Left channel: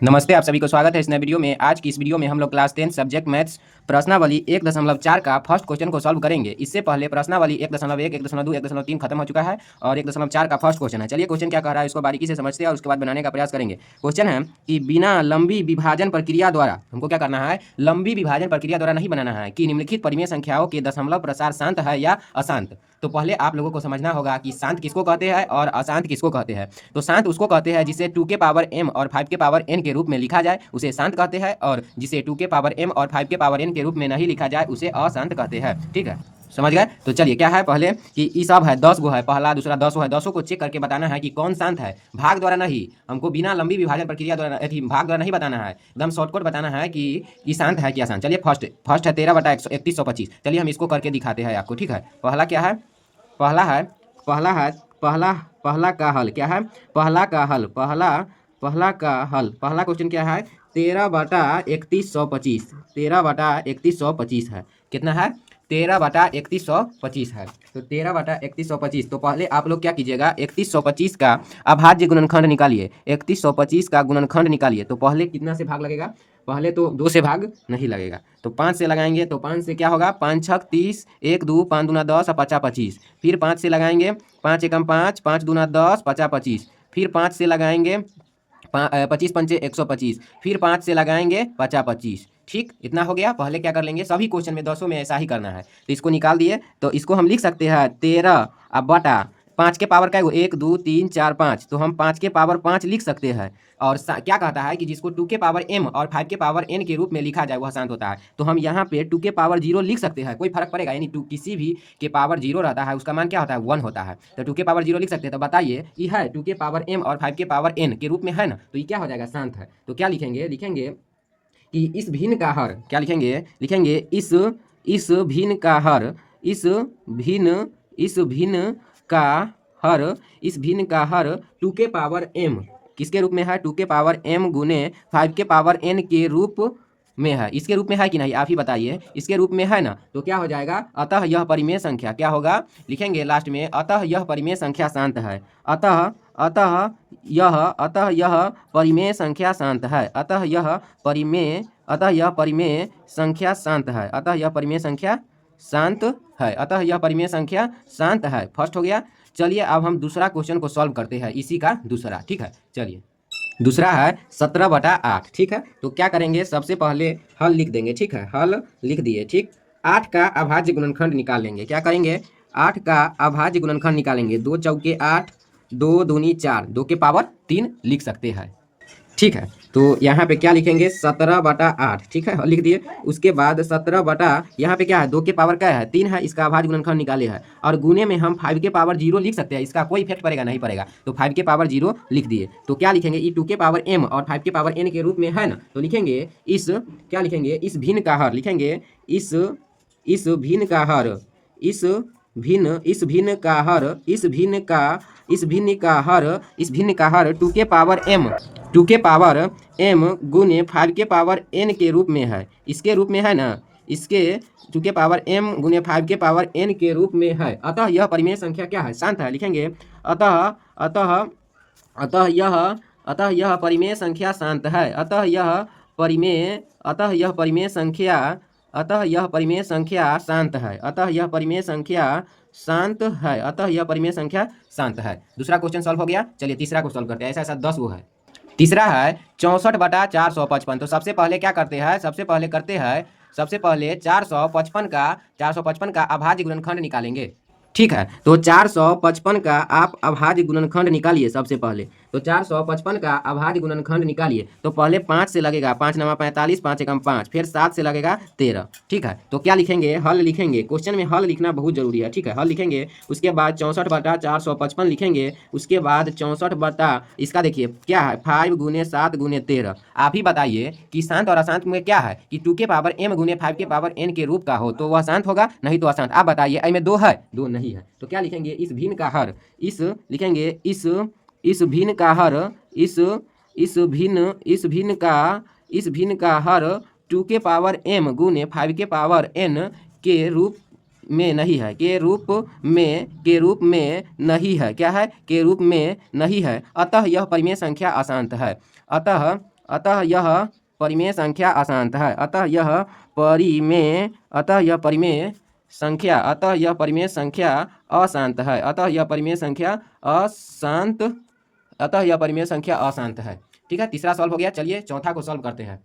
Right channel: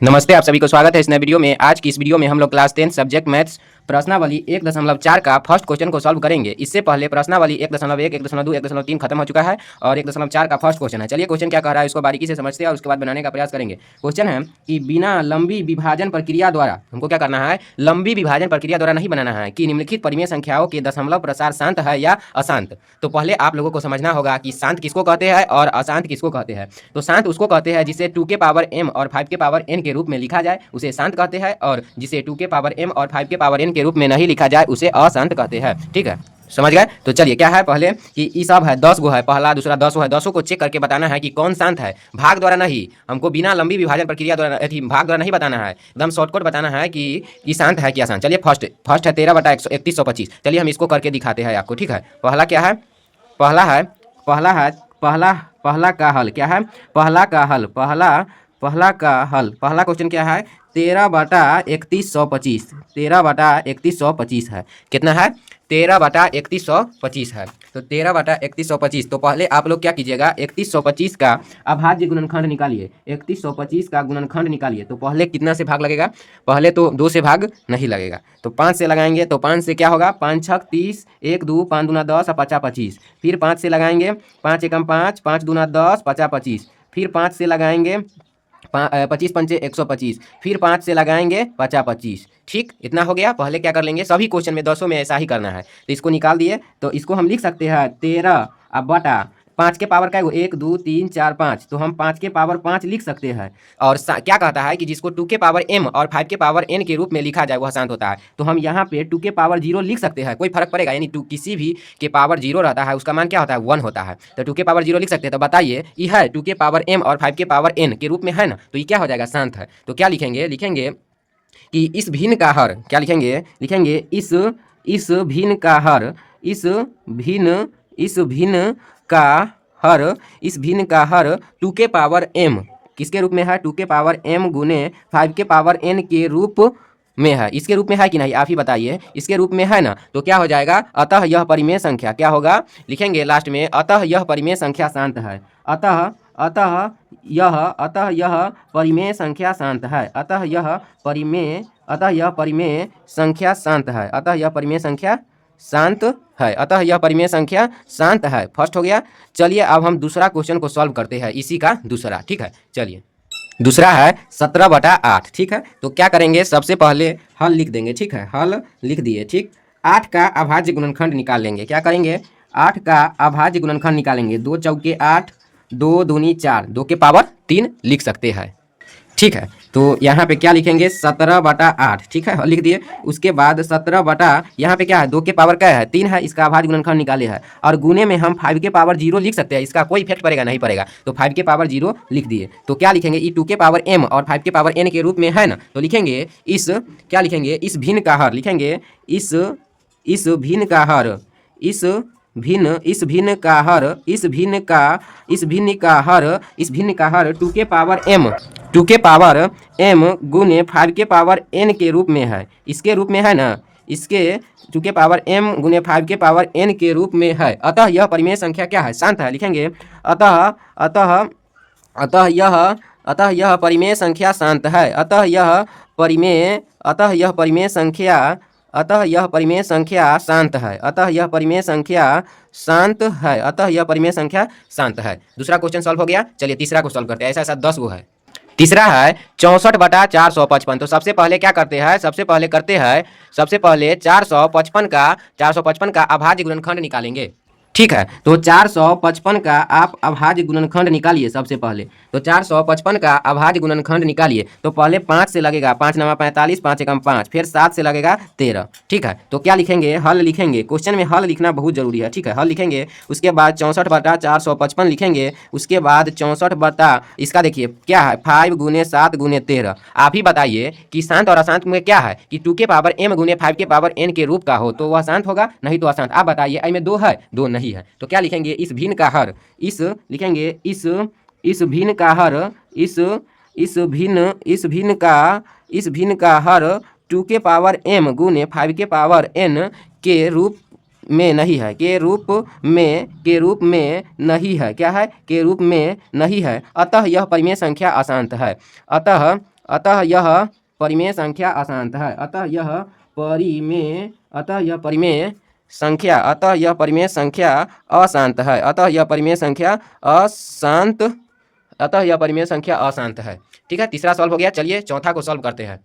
नमस्ते, आप सभी को स्वागत है इस नए वीडियो में। आज की इस वीडियो में हम लोग क्लास 10 सब्जेक्ट मैथ्स प्रश्नावली 1.4 का फर्स्ट क्वेश्चन को सॉल्व करेंगे। इससे पहले प्रश्नावली 1.1, 1.2, 1.3 खत्म हो चुका है और 1.4 का फर्स्ट क्वेश्चन है। चलिए क्वेश्चन क्या कह रहा है इसको बारीकी से समझते हैं और उसके बाद बनाने का प्रयास करेंगे। क्वेश्चन है कि बिना लंबी विभाजन प्रक्रिया द्वारा हमको क्या करना है, लंबी विभाजन प्रक्रिया द्वारा नहीं बनाना है कि निम्नलिखित परिमेय संख्याओं के दशमलव प्रसार शांत है या अशांत। तो पहले आप लोगों को समझना होगा कि शांत किसको कहते हैं और अशांत किसको कहते हैं। तो शांत उसको कहते हैं जिसे 2 के पावर m और 5 के पावर n के रूप में लिखा जाए, उसे शांत कहते हैं, और जिसे 2 के पावर m और 5 के पावर n के रूप में नहीं लिखा जाए उसे अशांत कहते हैं। ठीक है, समझ गए। तो चलिए क्या है पहले कि ये सब है 10 गो है, पहला दूसरा 10 है, 10 को चेक करके बताना है कि कौन शांत है। भाग द्वारा नहीं, हमको बिना लंबी विभाजन प्रक्रिया द्वारा भाग द्वारा नहीं बताना है, एकदम शॉर्टकट बताना है कि ये शांत है कि अशांत। चलिए फर्स्ट है 13/3125। चलिए हम इसको करके दिखाते हैं आपको। ठीक है, पहला क्या है, पहला है पहला है पहला पहला का हल क्या है, पहला का हल पहला का हल पहला क्वेश्चन क्या है, 13/3125। 13/3125 है, कितना है, 13/3125 है। तो 13/3125। तो पहले आप लोग क्या कीजिएगा, 3125 का अभाज्य गुणनखंड निकालिए। 3125 का गुणनखंड निकालिए। तो पहले कितना से भाग लगेगा, पहले तो 2 से भाग नहीं लगेगा, तो 5 से लगाएंगे। तो 5 से क्या होगा, 5 छक 30, 1 2 5 दूना 10 और 50 25। फिर 5 से लगाएंगे, 5 एकम 5, 5 दूना 10, 50 25। फिर 5 से लगाएंगे, 25 पंचे 125। फिर 5 से लगाएंगे 50 25। ठीक, इतना हो गया। पहले क्या कर लेंगे, सभी क्वेश्चन में 10 में ऐसा ही करना है। तो इसको निकाल दिए, तो इसको हम लिख सकते हैं 13 अब बटा 5 के पावर का 1 2 3 4 5। तो हम 5 के पावर 5 लिख सकते हैं। और क्या कहता है कि जिसको 2 के पावर m और 5 के पावर n के रूप में लिखा जाए वह शांत होता है। तो हम यहाँ पे 2 के पावर 0 लिख सकते हैं, कोई फर्क पड़ेगा, यानी 2 किसी भी के पावर 0 रहता है उसका मान क्या होता है, 1 होता है। तो 2 के पावर 0 लिख सकते हैं। तो बताइए ये है 2 के पावर m और 5 के पावर n के रूप में है ना, तो ये क्या हो जाएगा, शांत है। तो क्या लिखेंगे, लिखेंगे कि इस भिन्न का हर, क्या लिखेंगे, लिखेंगे इस भिन्न का हर, इस भिन्न का हर, इस भिन्न का हर 2 के पावर m किसके रूप में है, 2 के पावर m गुने 5 के पावर n के रूप में है। इसके रूप में है कि नहीं, आप ही बताइए, इसके रूप में है ना। तो क्या हो जाएगा, अतः यह परिमेय संख्या क्या होगा, लिखेंगे लास्ट में, अतः यह परिमेय संख्या शांत है। अतः यह परिमेय संख्या शांत है। अतः यह परिमेय संख्या शांत है। अतः यह परिमेय संख्या शांत है। अतः यह परिमेय संख्या शांत है। फर्स्ट हो गया। चलिए अब हम दूसरा क्वेश्चन को सॉल्व करते हैं, इसी का दूसरा। ठीक है, चलिए दूसरा है 17/8। ठीक है, तो क्या करेंगे, सबसे पहले हल लिख देंगे। ठीक है, हल लिख दिए। ठीक, 8 का अभाज्य गुणनखंड निकाल लेंगे। क्या करेंगे, 8 का अभाज्य गुणनखंड निकालेंगे। 2 चौके 8, 2 दूनी 4, 2 के पावर 3 लिख सकते हैं। ठीक है, तो यहाँ पे क्या लिखेंगे, 17/8। ठीक है, लिख दिए। उसके बाद 17 बटा, यहाँ पे क्या है, 2 के पावर क्या है, 3 है, इसका अभाज्य गुणनखंड निकाले है। और गुने में हम 5 के पावर 0 लिख सकते हैं, इसका कोई इफेक्ट पड़ेगा नहीं पड़ेगा। तो 5 के पावर 0 लिख दिए। तो क्या लिखेंगे, ई 2 के पावर m और 5 के पावर n के रूप में है ना, तो लिखेंगे इस, क्या लिखेंगे, इस भिन्न का हर, लिखेंगे इस भिन्न का हर, इस भिन्न का हर 2 के पावर m गुने 5 के पावर n के रूप में है। इसके रूप में है ना, इसके 2 के पावर m गुने 5 के पावर n के रूप में है। अतः यह परिमेय संख्या क्या है, शांत है। लिखेंगे अतः यह परिमेय संख्या शांत है। अतः यह परिमेय संख्या शांत है। अतः यह परिमेय संख्या शांत है। दूसरा क्वेश्चन सॉल्व हो गया। चलिए तीसरा को सॉल्व करते हैं। ऐसा 10 गो है। तीसरा है 64/455। तो सबसे पहले क्या करते हैं, सबसे पहले 455 का अभाज्य गुणनखंड निकालेंगे। ठीक है, तो 455 का आप अभाज्य गुणनखंड निकालिए। सबसे पहले तो 455 का अभाज्य गुणनखंड निकालिए। तो पहले 5 से लगेगा, 5 9 45, 5 एकम 5, फिर 7 से लगेगा 13। ठीक है, तो क्या लिखेंगे, हल लिखेंगे। क्वेश्चन में हल लिखना बहुत जरूरी है। ठीक है, हल लिखेंगे। उसके बाद 64/455 लिखेंगे। उसके बाद 64 बटा, इसका देखिए क्या है, 5 गुने 7 गुने 13। आप ही बताइए कि शांत और अशांत में क्या है, कि 2 के पावर m गुने 5 के पावर n के रूप का हो तो वह शांत होगा, नहीं तो अशांत। आप बताइए, इसमें 2 है, 2 नहीं है। तो क्या लिखेंगे, इस भिन्न का हर, लिखेंगे इस भिन्न का हर, इस भिन्न का हर 2 के पावर m गुने 5 के पावर n के रूप में नहीं है, के रूप में नहीं है। क्या है, के रूप में नहीं है। अतः यह परिमेय संख्या अशांत है। अतः यह परिमेय संख्या अशांत है। अतः यह परिमेय संख्या अशांत है। अतः यह परिमेय संख्या अशांत है। ठीक है, तीसरा सॉल्व हो गया। चलिए चौथा को सॉल्व करते हैं।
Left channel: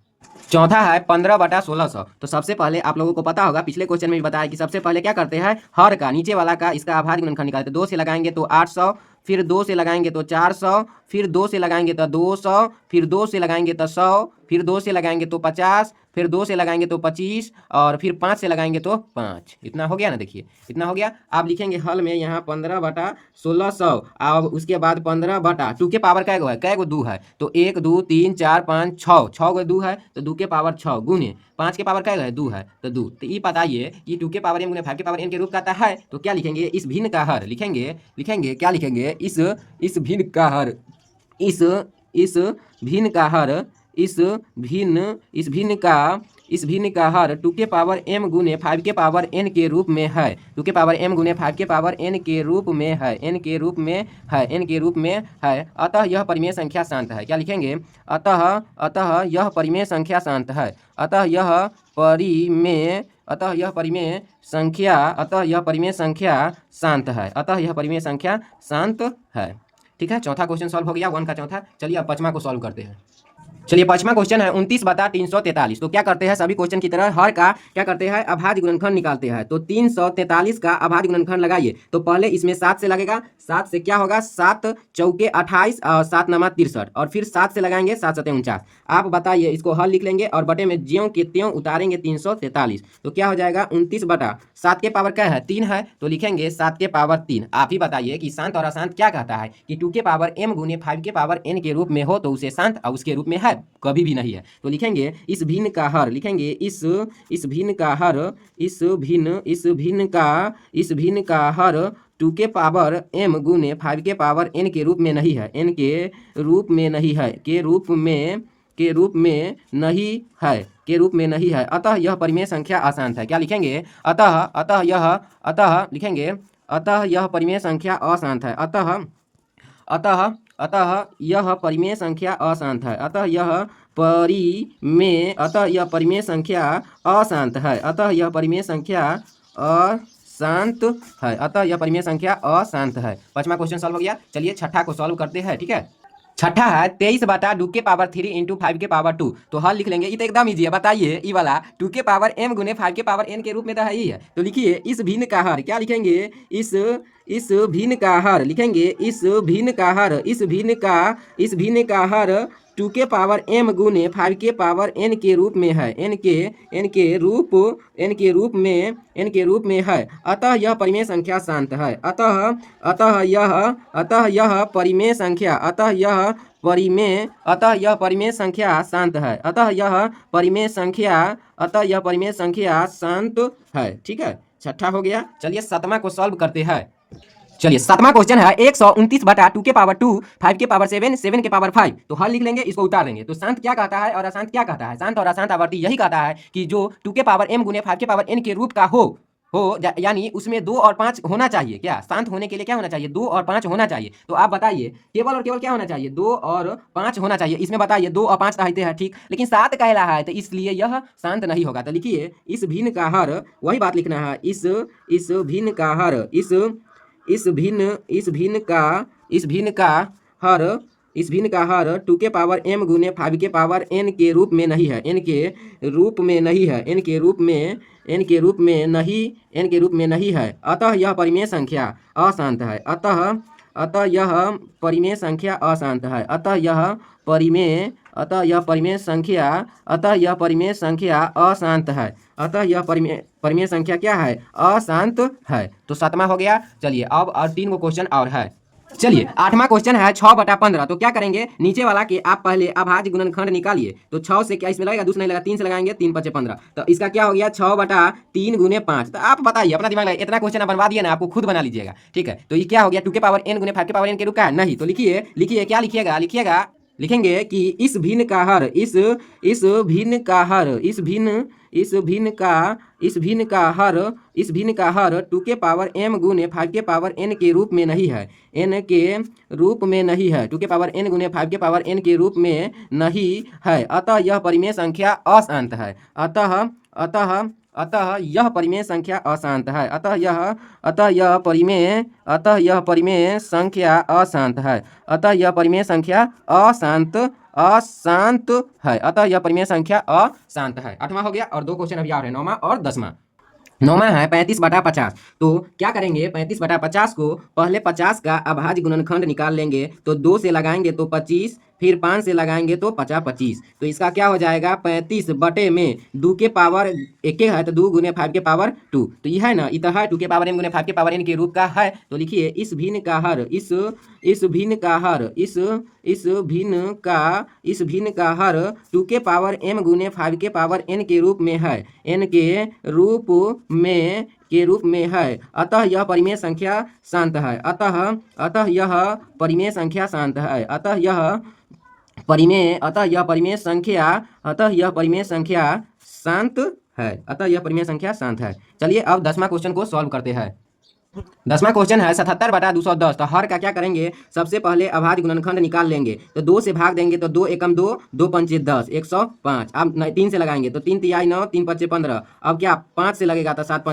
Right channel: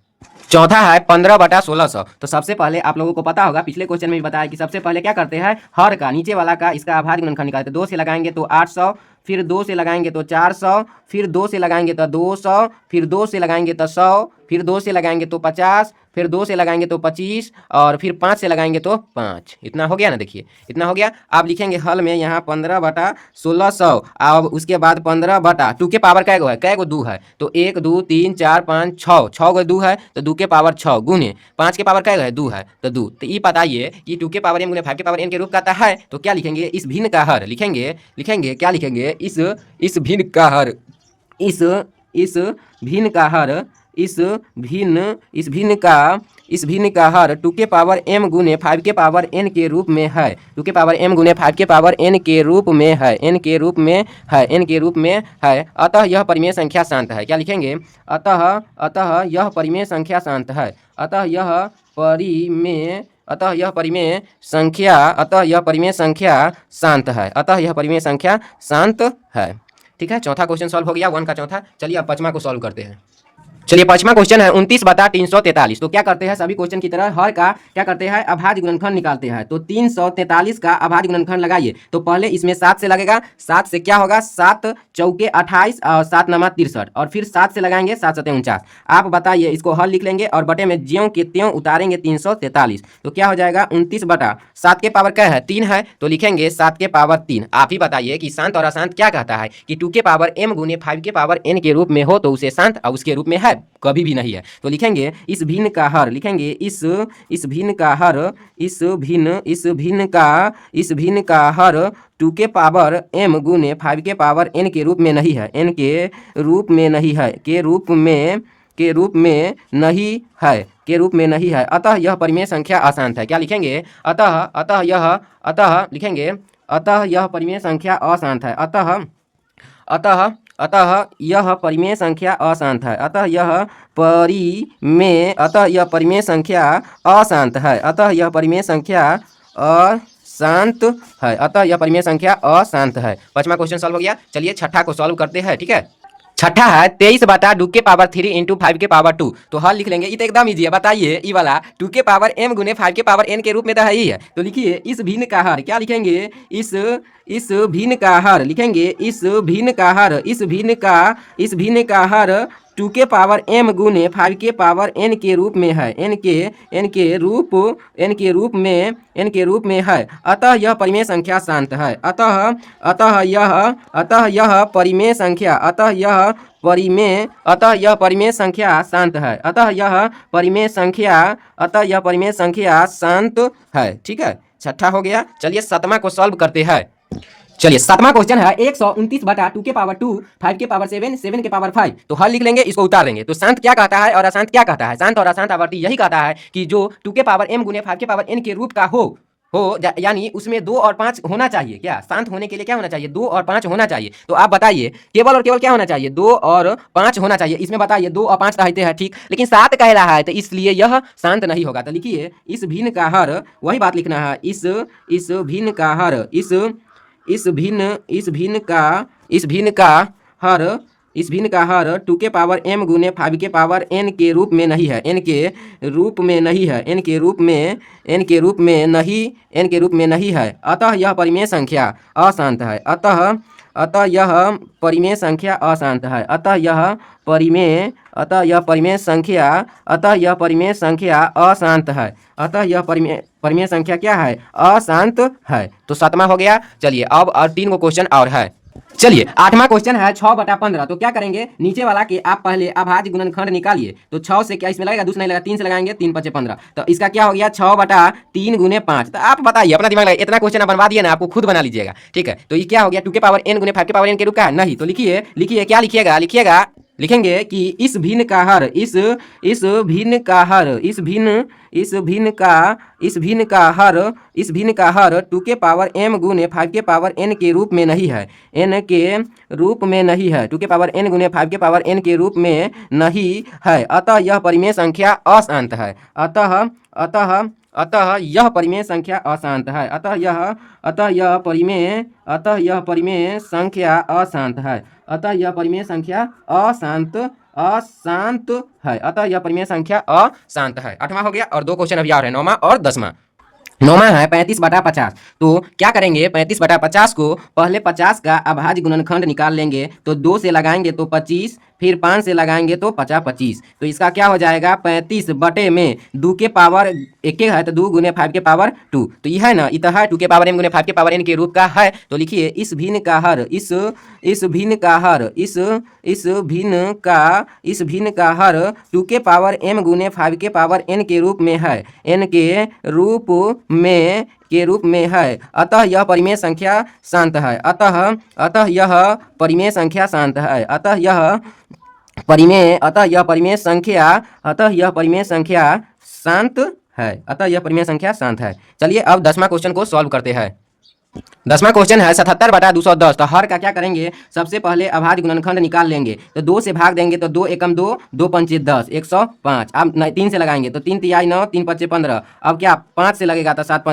चौथा है 15/1600। तो सबसे पहले आप लोगों को पता होगा, पिछले क्वेश्चन में भी बताया कि सबसे पहले क्या करते हैं, हर का नीचे वाला का इसका अभाज्य गुणनखंड निकालते हैं। 2 से लगाएंगे तो 800, फिर 2 से लगाएंगे तो 400, फिर 2 से लगाएंगे तो 200, फिर 2 से लगाएंगे तो 100, फिर 2 से लगाएंगे तो 50, फिर 2 से लगाएंगे तो 25, और फिर 5 से लगाएंगे तो 5। इतना हो गया ना, देखिए इतना हो गया। आप लिखेंगे हल में यहाँ 15/1600, अब उसके बाद 15/2 के पावर कै गो है, कै गो 2 है, तो 1 2 3 4 5 6, 6 गो 2 है तो 2 के पावर 6 गुने 5 के पावर कै गो है 2 है तो 2। तो ये बताइए कि 2 के पावर m गुने 5 के पावर n के रूप का आता है, तो क्या लिखेंगे, इस भिन्न का हर लिखेंगे क्या लिखेंगे, इस भिन्न का हर, इस भिन्न का हर, इस भिन्न का हर 2 के पावर m गुने 5 के पावर n के रूप में है। 2 के पावर m गुने 5 के पावर n के रूप में है, n के रूप में है। अतः यह परिमेय संख्या शांत है। क्या लिखेंगे, अतः यह परिमेय संख्या शांत है। अतः यह परिमेय शांत है। ठीक है, चौथा क्वेश्चन सॉल्व हो गया, 1 का चौथा। चलिए अब पांचवा को सॉल्व करते हैं। चलिए पांचवा क्वेश्चन है 29/343। तो क्या करते हैं, सभी क्वेश्चन की तरह हर का क्या करते हैं, अभाज्य गुणनखंड निकालते हैं। तो 343 का अभाज्य गुणनखंड लगाइए। तो पहले इसमें 7 से लगेगा, 7 से क्या होगा, 7 चौके 28 और 7 नमा 63, और फिर 7 से लगाएंगे 7 7 49। आप बताइए, इसको हल लिख लेंगे और बटे में ज्यों के त्यों उतारेंगे 343। तो क्या हो जाएगा, 29/7 के पावर क्या है, 3 है, तो लिखेंगे 7 के पावर 3। आप ही बताइए कि शांत और अशांत क्या कहता है, कि 2 के पावर m गुने 5 के पावर n के रूप में हो तो उसे शांत, और उसके रूप में है कभी भी नहीं है। तो लिखेंगे इस भिन्न का हर, लिखेंगे इस भिन्न का हर, इस भिन्न का हर 2 के पावर m गुने 5 के पावर n के रूप में नहीं है, n के रूप में नहीं है, के रूप में नहीं है। अतः यह परिमेय संख्या अशांत है। क्या लिखेंगे, अतः यह परिमेय संख्या अशांत है। अतः यह परिमेय संख्या अशांत है। अतः यह परिमेय संख्या अशांत है। अतः यह परिमेय संख्या अशांत है। पांचवा क्वेश्चन सॉल्व हो गया। चलिए छठा को सॉल्व करते हैं। ठीक है, छठा है 23/2 के पावर 3 इंटू 5 के पावर 2। तो हल लिख लेंगे, ये तो एकदम ईजी है। बताइए, ये वाला 2 के पावर m गुने 5 के पावर n के रूप में तो है ही है। तो लिखिए इस भिन्न का हर, क्या लिखेंगे, इस भिन्न का हर, लिखेंगे इस भिन्न का हर 2 के पावर m गुने 5 के पावर n के रूप में है, n के रूप में है। अतः यह परिमेय संख्या शांत है। अतः यह परिमेय संख्या शांत है। अतः यह परिमेय संख्या शांत है। ठीक है, छठा हो गया। चलिए सातवां को सॉल्व करते हैं। चलिए सातवां क्वेश्चन है 129/2 के पावर 2, 5 के पावर 7, 7 के पावर 5। तो हल लिख लेंगे, इसको उतार लेंगे। तो शांत क्या कहता है और अशांत क्या कहता है, शांत और अशांत आवर्ती यही कहता है कि जो 2 के पावर m गुने 5 के पावर n के रूप का हो यानी उसमें 2 और 5 होना चाहिए। क्या शांत होने के लिए क्या होना चाहिए, 2 और 5 होना चाहिए। तो आप बताइए, केवल और केवल क्या होना चाहिए, 2 और 5 होना चाहिए। इसमें बताइए 2 और 5 रहते हैं, ठीक, लेकिन 7 कह रहा है, तो इसलिए यह शांत नहीं होगा। तो लिखिए इस भिन्न का हर, वही बात लिखना है, इस भिन्न का हर, इस भिन्न का हर 2 के पावर m गुने 5 के पावर n के रूप में नहीं है, n के रूप में नहीं है। अतः यह परिमेय संख्या अशांत है। अतः यह परिमेय संख्या अशांत है। अतः यह परिमेय संख्या अशांत है। अतः यह परिमेय संख्या क्या है, अशांत है। तो सातवां हो गया। चलिए अब और 3 को क्वेश्चन और है। चलिए आठवां क्वेश्चन है 6/15। तो क्या करेंगे, नीचे वाला कि आप पहले अभाज्य गुणनखंड निकालिए। तो 6 से क्या इसमें लगेगा, दूसरा नहीं लगेगा, 3 से लगाएंगे, 3 5 15। तो इसका क्या हो गया, 6/3 गुने 5। तो आप बताइए, अपना दिमाग लगाइए, इतना क्वेश्चन बनवा दिए ना, आपको खुद बना लीजिएगा। ठीक है, तो ये क्या हो गया, 2 के पावर n गुने 5 के पावर n के रूप का नहीं। तो लिखिए क्या लिखिएगा, लिखेंगे कि इस भिन्न का हर इस भिन्न का हर इस भिन्न का हर 2 के पावर m गुने 5 के पावर n के रूप में नहीं है, n के रूप में नहीं है, 2 के पावर n गुने 5 के पावर n के रूप में नहीं है, अतः यह परिमेय संख्या अशांत है। अतः यह परिमेय संख्या अशांत है। अतः यह परिमेय संख्या अशांत है। अतः यह परिमेय संख्या अशांत है। अतः यह परिमेय संख्या अशांत है। 8वां हो गया और 2 क्वेश्चन अभी और है, 9वां और 10वां। 9वां है 35/50। तो क्या करेंगे, 35/50 को पहले 50 का अभाज्य गुणनखंड निकाल लेंगे, तो 2 से लगाएंगे तो 25, फिर 5 से लगाएंगे तो 50/25। तो इसका क्या हो जाएगा, 35 बटे में 2 के पावर 1 है तो 2 गुने 5 के पावर 2। तो यह है ना, इतना है 2 के पावर m गुने 5 के पावर n के रूप का है। तो लिखिए इस भिन्न का हर इस भिन्न का हर 2 के पावर m गुने 5 के पावर n के रूप में है, n के रूप में है। अतः यह परिमेय संख्या शांत है। अतः यह परिमेय संख्या शांत है। अतः यह परिमेय शांत है। चलिए अब 10वां क्वेश्चन को सॉल्व करते हैं। 10वां क्वेश्चन है 77/210। तो हर का क्या करेंगे, सबसे पहले अभाज्य गुणनखंड निकाल लेंगे, तो 2 से भाग देंगे तो 2 एकम 2, 2 पंचे 10, 105। अब 3 से लगाएंगे तो 3 तिहाई 9, 3 पच्चे 15। अब क्या 5 से लगेगा तो 7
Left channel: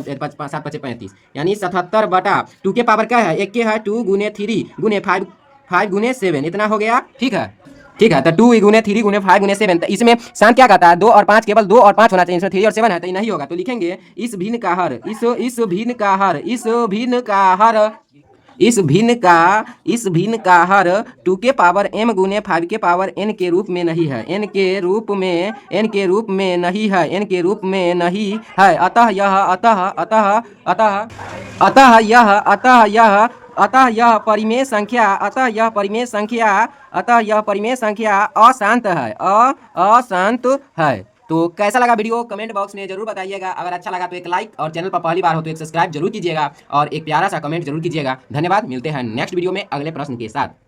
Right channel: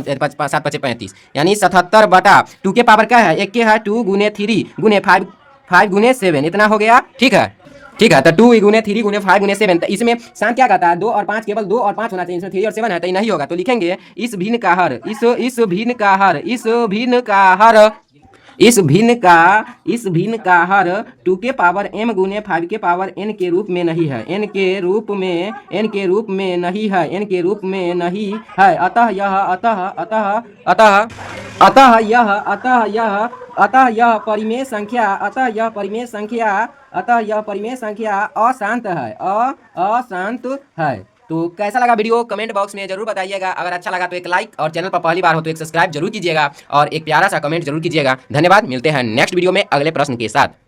पच्चे 35, यानी 77/2 के पावर क्या है, 1 के है 2 गुने 3 गुने 5 गुने 7, इतना हो गया। ठीक है, तो 2 गुने 3 गुने 5 गुने 7। तो इसमें शांत क्या कहता है, 2 और 5, केवल 2 और 5 होना चाहिए, इसमें 3 और 7 है तो ये नहीं होगा। तो लिखेंगे इस भिन्न का हर इस भिन्न का हर 2 के पावर m गुने 5 के पावर n के रूप में नहीं है, n के रूप में नहीं है। अतः यह परिमेय संख्या अशांत है। तो कैसा लगा वीडियो, कमेंट बॉक्स में जरूर बताइएगा। अगर अच्छा लगा तो एक लाइक, और चैनल पर पहली बार हो तो एक सब्सक्राइब जरूर कीजिएगा और एक प्यारा सा कमेंट जरूर कीजिएगा। धन्यवाद, मिलते हैं नेक्स्ट वीडियो में अगले प्रश्न के साथ।